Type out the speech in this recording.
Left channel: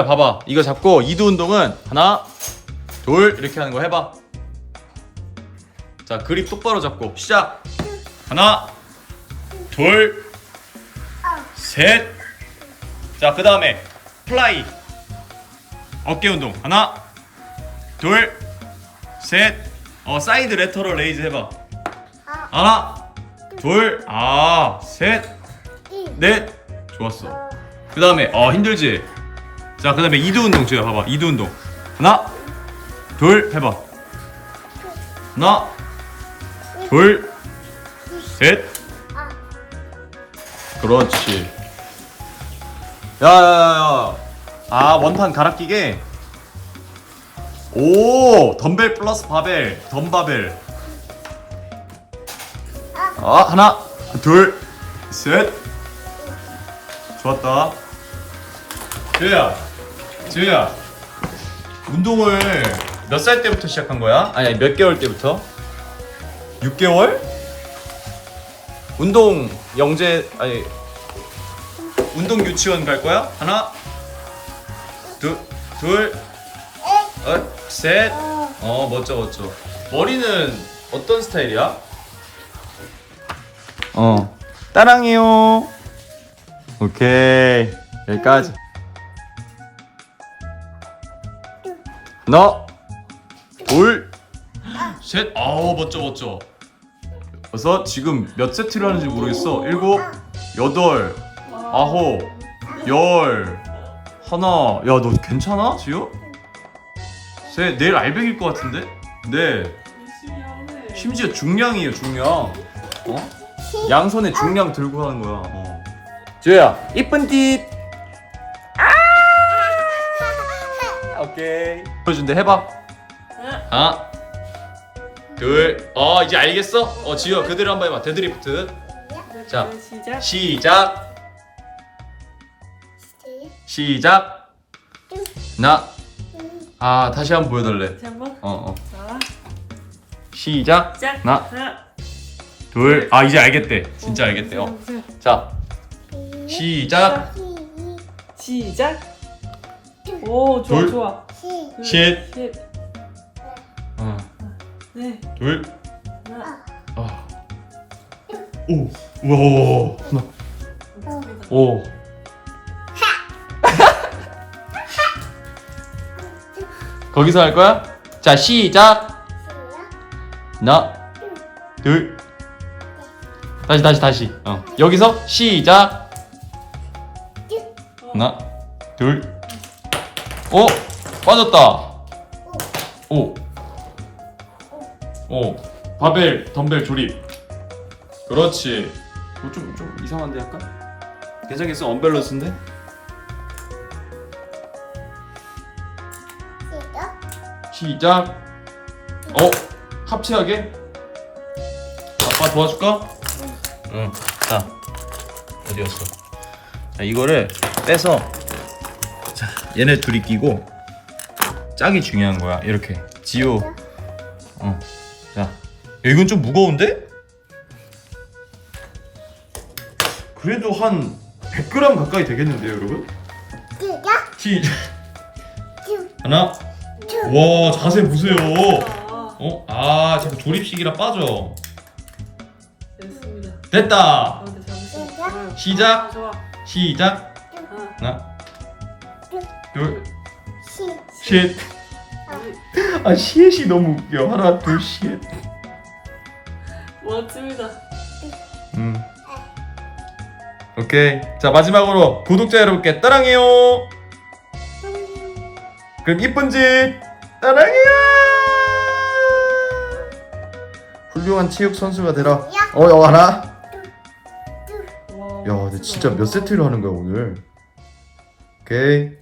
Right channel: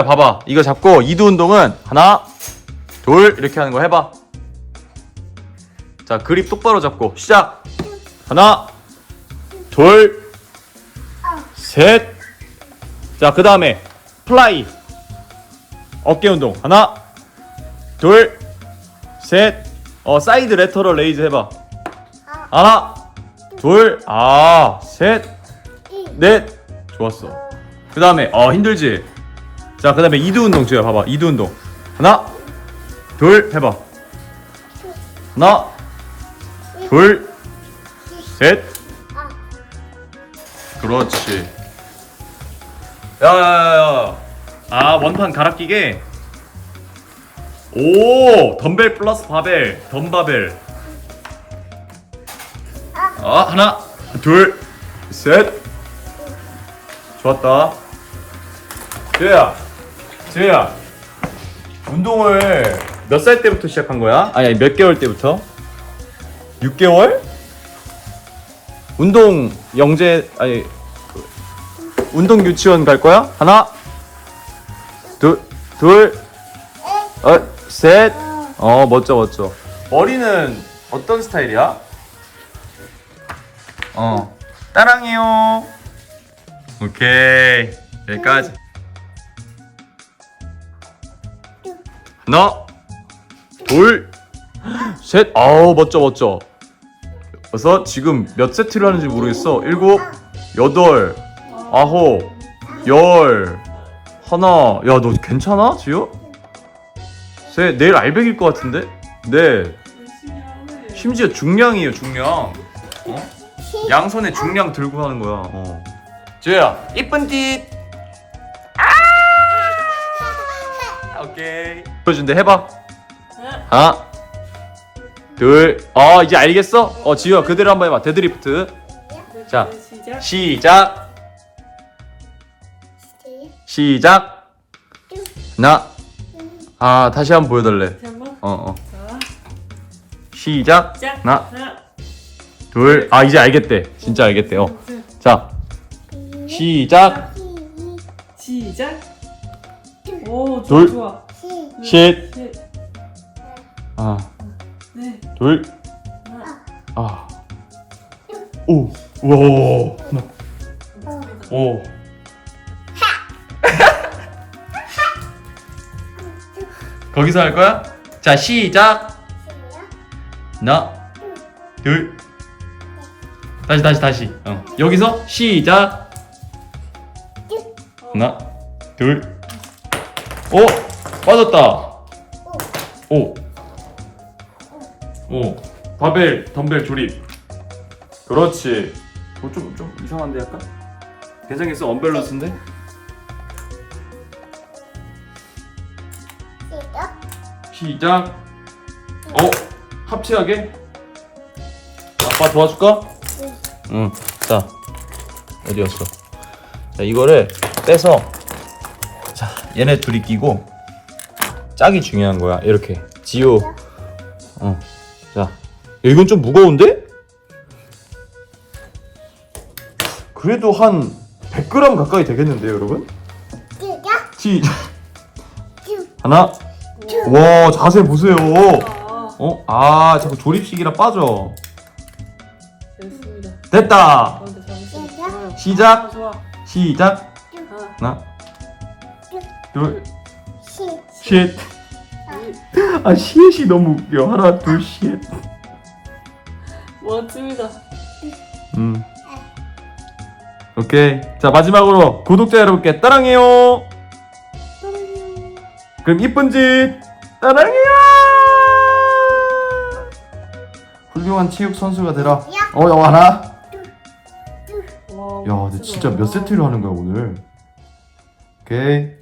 자, 봐봐. 이거 잡고 이두 운동은 하나, 둘 이렇게 하는 거 해봐. 자, 그립 똑바로 잡고 시작. 하나, 둘, 셋. 자, 그 다음에 플라이. 어깨 운동. 하나, 둘, 셋. 어, 사이드 레터럴 레이즈 해봐. 하나, 둘, 아, 셋, 넷. 좋았어. 그 다음에, 어, 힘들지? 자, 그 다음에 이두 운동 줘요. 봐봐. 이두 운동. 하나, 둘, 해봐. 하나, 둘, 셋. 그렇지. 야, 야, 야, 야. 아, 원판 갈아 끼게. 오, 덤벨 플러스 바벨, 덤바벨. 아, 하나, 둘, 셋. 좋았다. 지우야, 지우야. 운동을 몇 살 때부터 시작한 거야? 아니, 몇 개월 때부터? 6개월? 운동 영재 아니 운동 유치원 갈 거야? 하나, 둘, 둘, 어, 셋. 어, 멋져, 멋져. 머리는 어떤 스타일이야? 어, 따랑해요. 오케이, 여기까지. 하나, 둘, 셋. 아우, 멋져, 멋져. 그래서 지금 몇 세트를 하는지 모르겠어. 일곱, 여덟, 아홉, 열, 하나. 야, 너 괜찮아, 지효? 셋. 내일 알백일 것 같은데? 네. 심지어 중량이에요, 중량. 어? 양손에 중량 들고 하는 거야. 어. 지효야, 이쁜 띠. 보여준대 해봐. 하나, 둘. 아 이제 알겠어? 어 지효야 그대로 한번 해봐. 데드리프트. 자. 시작. 시작. 시작. 하나. 아 다시 한번 보여달래. 한번. 어 어. 자, 시작. 시작. 하나, 하나, 둘. 아 이제 알겠대. 진짜 알겠대. 어. 자. 시작. 시작. 오, 좋아, 둘. 좋아. 셋. 셋, 아. 넷, 둘. 하나. 아. 오. 우와. 하나. 오. 거기서 할 거야? 자, 시작. 하나, 둘. 다시, 다시, 다시. 어. 여기서 시작. 하나, 둘. 오, 빠졌다. 오. 오. 바벨, 덤벨 조립. 그렇지. 어, 좀, 좀 이상한데 약간? 괜찮겠어? 언밸런스인데? 시작. 어? 합체하게? 아빠 도와줄까? 응. 자, 어디였어? 자, 이거를 빼서 자, 얘네 둘이 끼고 짝이 중요한 거야. 이렇게. 지호. 어. 자, 야, 이건 좀 무거운데? 그래도 한 100g 가까이 되겠는데요, 여러분? 시작. 하나. 와, 자세 보세요. 아, 어? 아, 자꾸 조립식이라 빠져. 됐습니다. 됐다. 시작. 좋아. 시작. 하나, 하나, 둘, 셋. 아, 셋이 너무 웃겨. 하나, 둘, 셋. 멋집니다. 음. 오케이. 자, 마지막으로 구독자 여러분께 따랑해요. 그럼 이쁜 짓 따랑해요. 훌륭한 체육 선수가 되라. 어, 어 하나. 와, 야, 근데 진짜 몇 세트를 하는 거야 오늘? 오케이.